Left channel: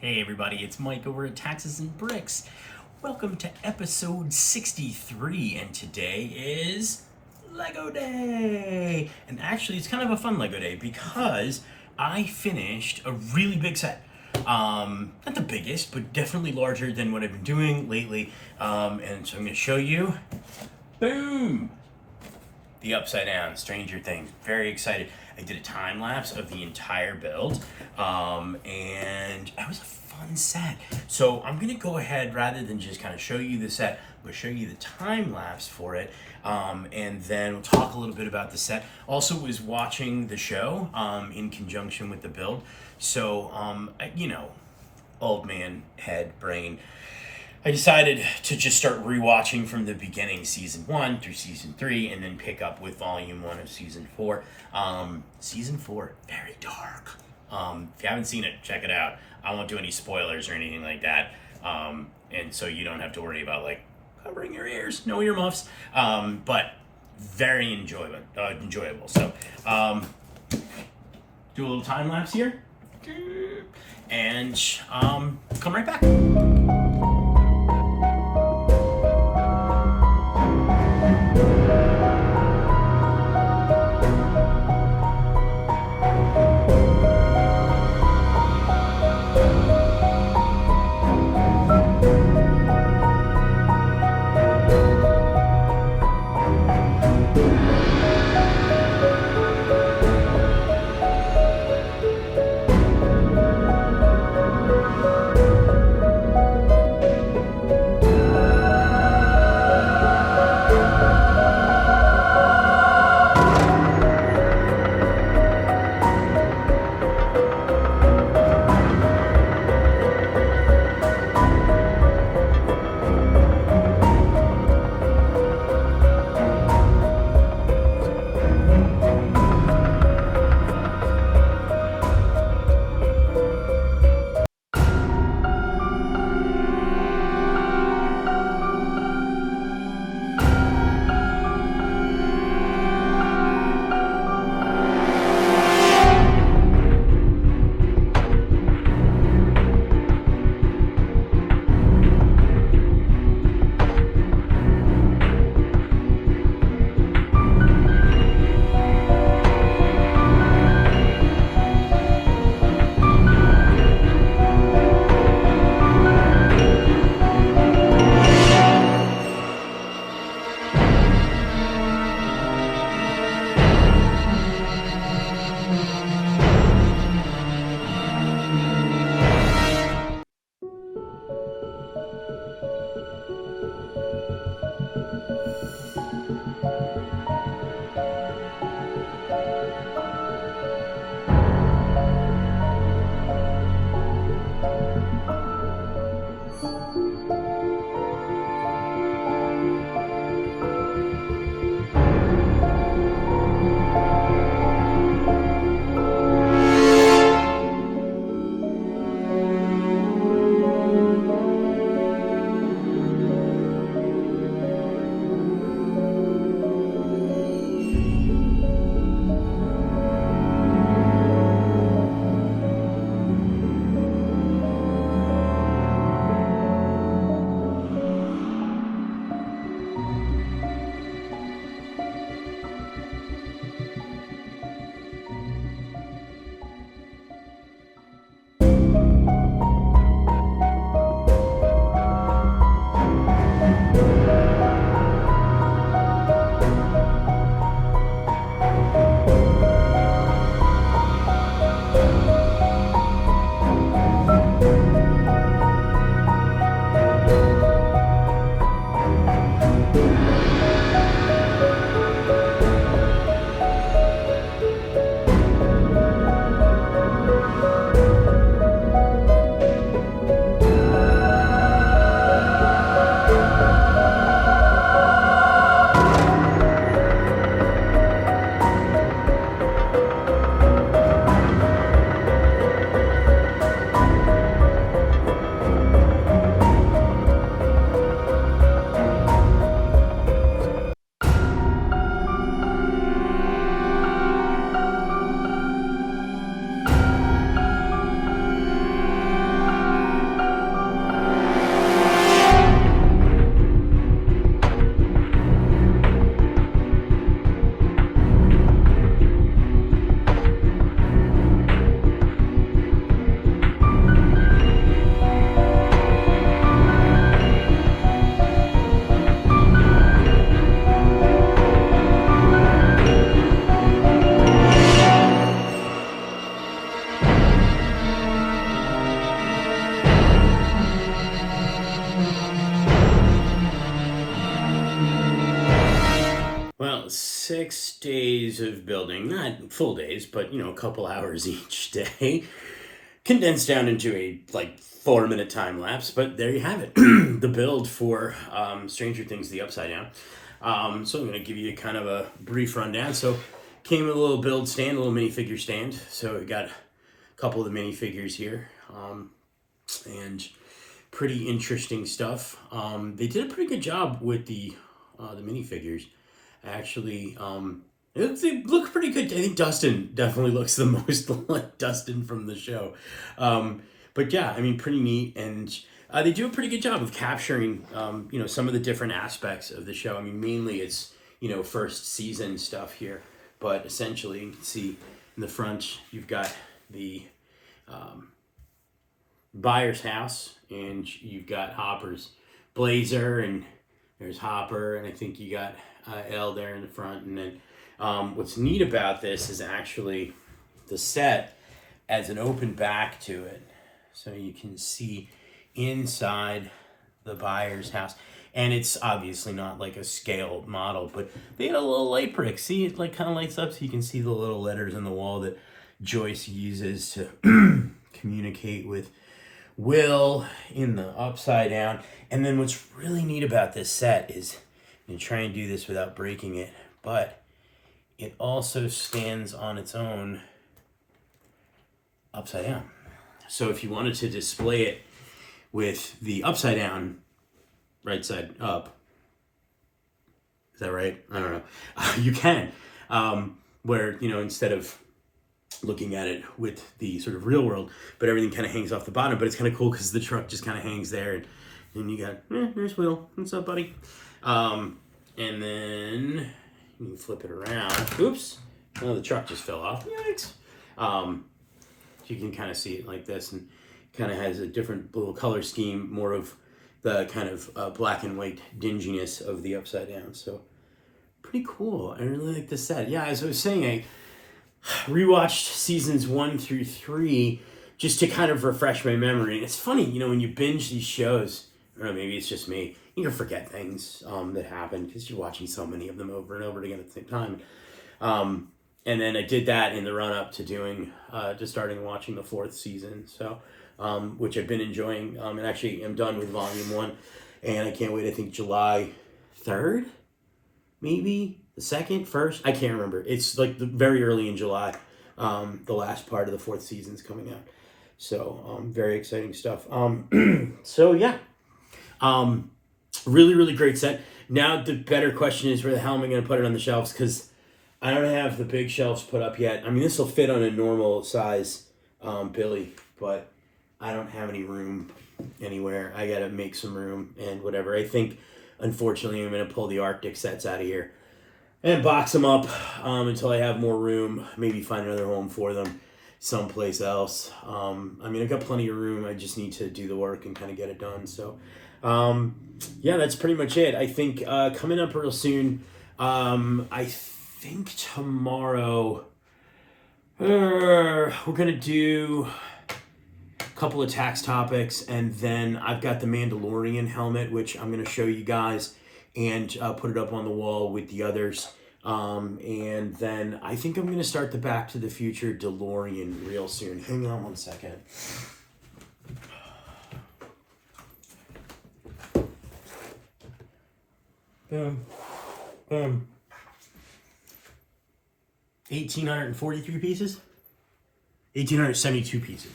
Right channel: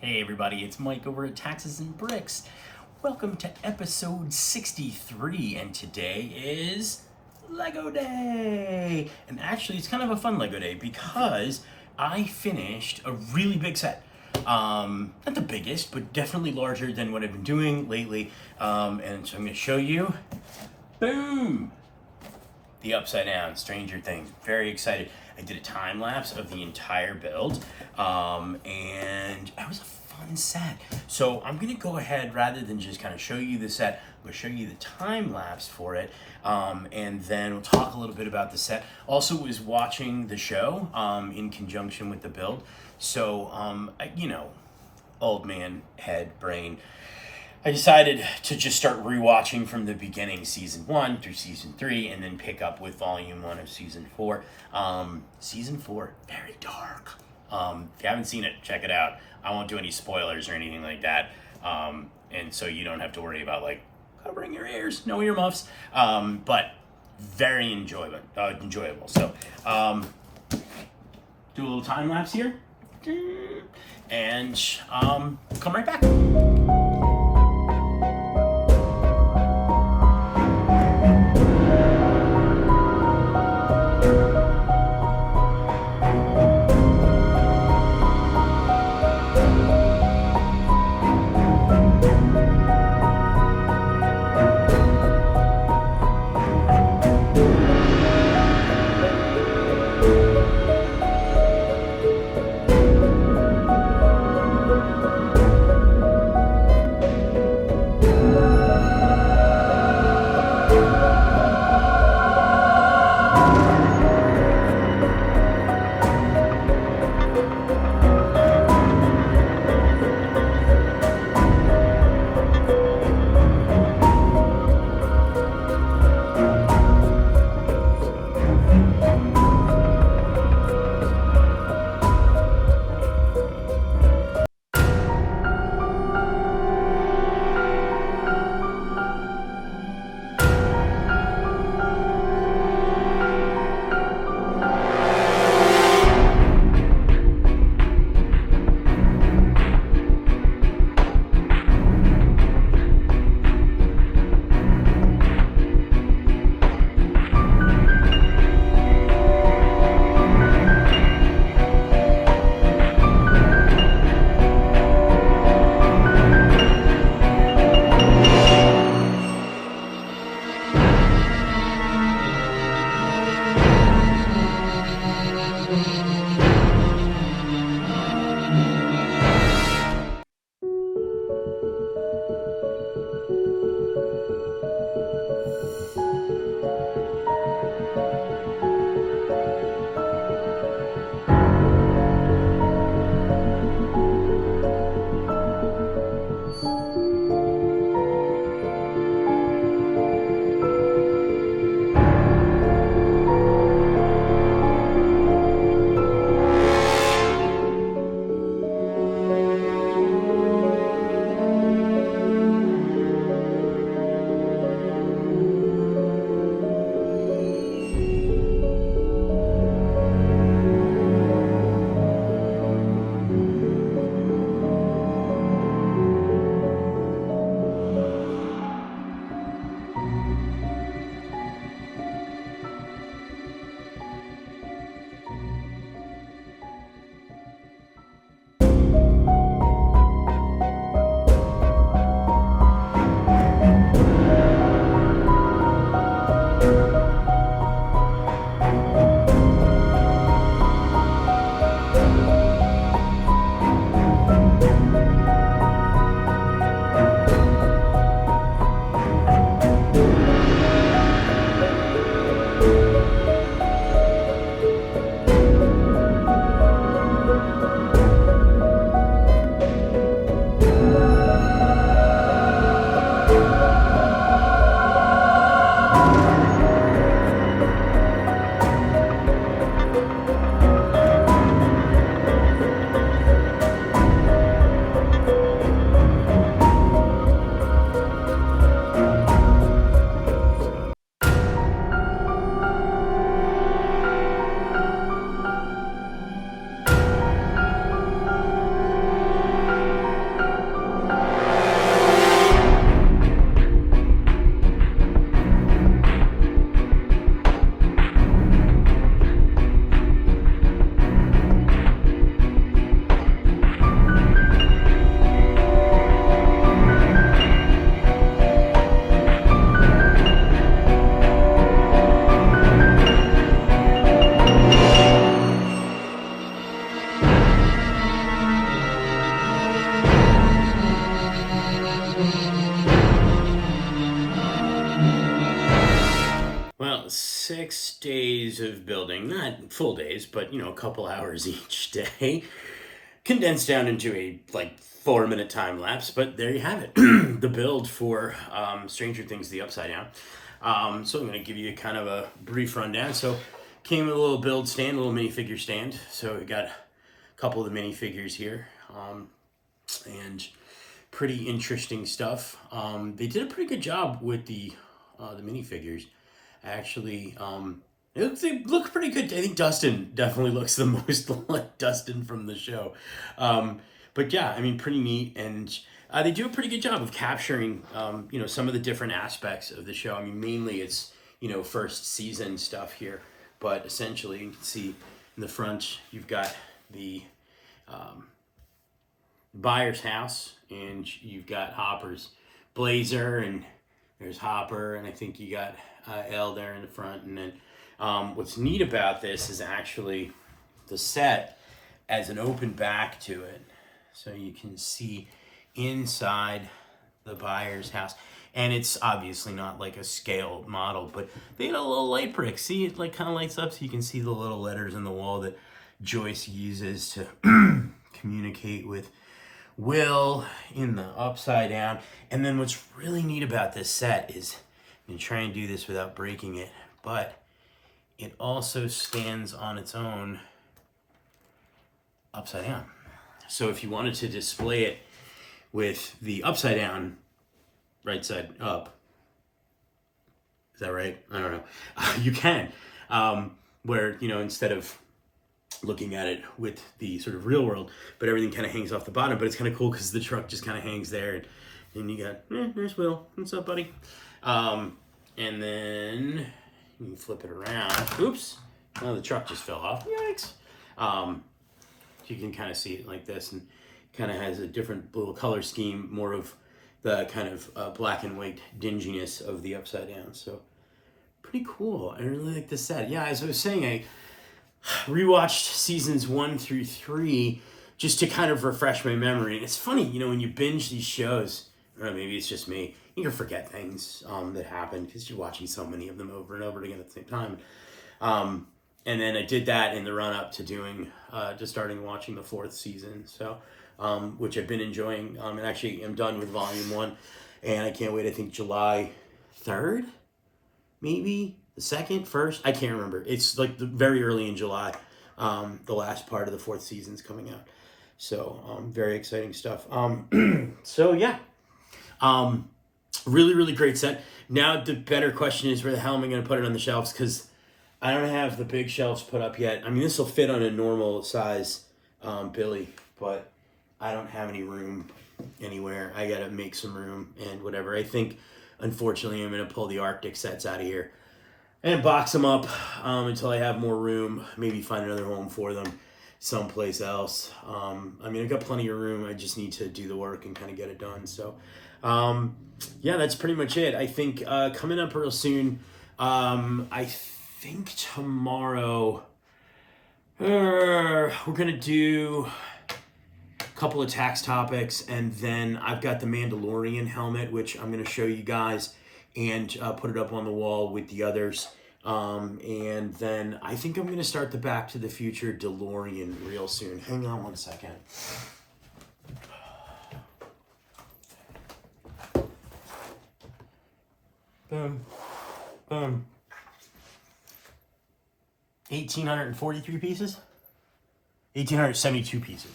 Hey everybody, it's Mike over at Taxes and Bricks. Welcome to episode 63, and today is Lego Day. And actually, it's kind of a fun Lego Day because I finished a really big set. Not the biggest, but definitely larger than what I've been doing lately. And so I'm going to show you. Boom! The Upside Down Stranger Things. Very excited. I did a time lapse of the entire build, and it was a fun set. So I'm gonna go ahead, rather than just kind of show you the set, I'm gonna show you the time lapse for it, and then we'll talk a little bit about the set. Also was watching the show in conjunction with the build. So, old man head brain. I decided to just start rewatching from the beginning, season 1 through season 3, and then pick up with volume 1 of season 4. Season 4, very dark. If you haven't seen it, check it out. I won't do any spoilers or anything like that. And so you don't have to worry about covering your ears, no earmuffs. But very enjoyable. So, do a little time lapse here, and come right back. 6 days of building, not full days, but a couple hours each day, condensed down into a 4-minute time lapse. But there you have it, the build for Stranger Things: The Upside Down. So I'm going to give you kind of a brief rundown. So came with a little build stand, a little minifigure stand. So we got a couple of the minifigures here, and pretty interesting stuff. They did a pretty good job with the minifigures. Actually, they look pretty good. I think Dustin definitely looks the most like Dustin from the show. But yeah, I mean, pretty neat. And they do a pretty good job of capturing, some of the different aspects of the show. I mean, mainly it's, first season stuff here. But essentially, you can see in the front, you've got the Byers' house, and you've got Hopper's blazer, and there's Hopper, and I think you got Elle there in the front. And then what's neat about this is actually the set has an open back to it. So you can see inside the Byers' house. And it's obviously not like a scaled model, but they had a little light brick. See, it kind of lights up so you can see the little letters in the wall that Joyce uses to communicate with Will in the Upside Down. And then what's really neat about this set is, you try and do this without breaking it, but it also stands on its own upside down. So if you wanted to display it with the upside down, right side up, is that right? I don't know. You can, where, instead of looking at it with the sort of real world, but everything kind of hangs off the bottom. But it's kind of cool because the truck just kind of hangs there, and you got, there's Will. What's up, buddy? And then you can flip it around. Oops. Oh, the truck just fell off. Yikes. You can kind of see it like this, and kind of has a different little color scheme, more of the kind of black and white dinginess of the Upside Down. So pretty cool. I really like this set. Yeah, as I was saying, I rewatched seasons 1 through 3 just to kind of refresh my memory. And it's funny, when you binge these shows, I don't know, maybe it's just me, you can forget things that happened because you're watching so many of them over and over again at the same time. And then I did that in the run-up to doing, to starting watching the 4th season, so which I've been enjoying. And actually, I'm done with Volume 1, and I can't wait. I think July 3rd, maybe the 2nd, 1st. I can't remember. It's very early in July. The last part of the 4th season's coming out, so very exciting stuff. So yeah. Really, really great set. Now the better question is, where the hell am I going to put it on the shelves? Because I don't have the big shelves put up yet. I mean, this will fit on a normal size Billy, but I don't have any room anywhere. I got to make some room and whatever. I think, unfortunately, I'm going to pull the Arctic sets out of here and box them up until I have more room. Maybe find another home for them someplace else. I mean, I've got plenty of room. I just need to do the work and kind of get it done. So, yeah, that's pretty much it. I think coming up real soon, I think tomorrow we're going to do a couple of tax topics, and then I've got the Mandalorian helmet, which I'm going to show you guys and put it up on the wall with the others. And then I think I'm going to start the Back to the Future DeLorean real soon. Hang on one second. Boom. Boom. 1,843 pieces? 1,872 pieces.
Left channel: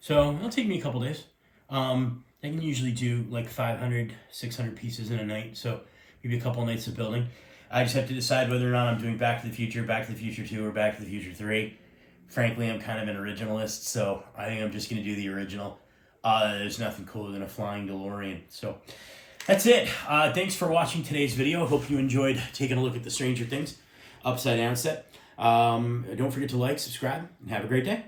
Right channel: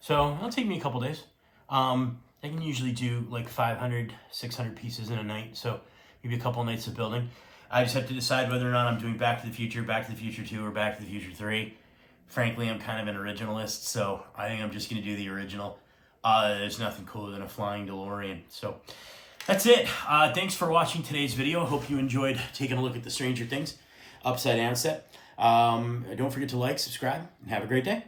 So it'll take me a couple days. I can usually do 500, 600 pieces in a night. So maybe a couple nights of building. I just have to decide whether or not I'm doing Back to the Future 2, or Back to the Future 3. Frankly, I'm kind of an originalist, so I think I'm just going to do the original. There's nothing cooler than a flying DeLorean. So that's it. Thanks for watching today's video. Hope you enjoyed taking a look at the Stranger Things Upside Down set. Don't forget to like, subscribe, and have a great day.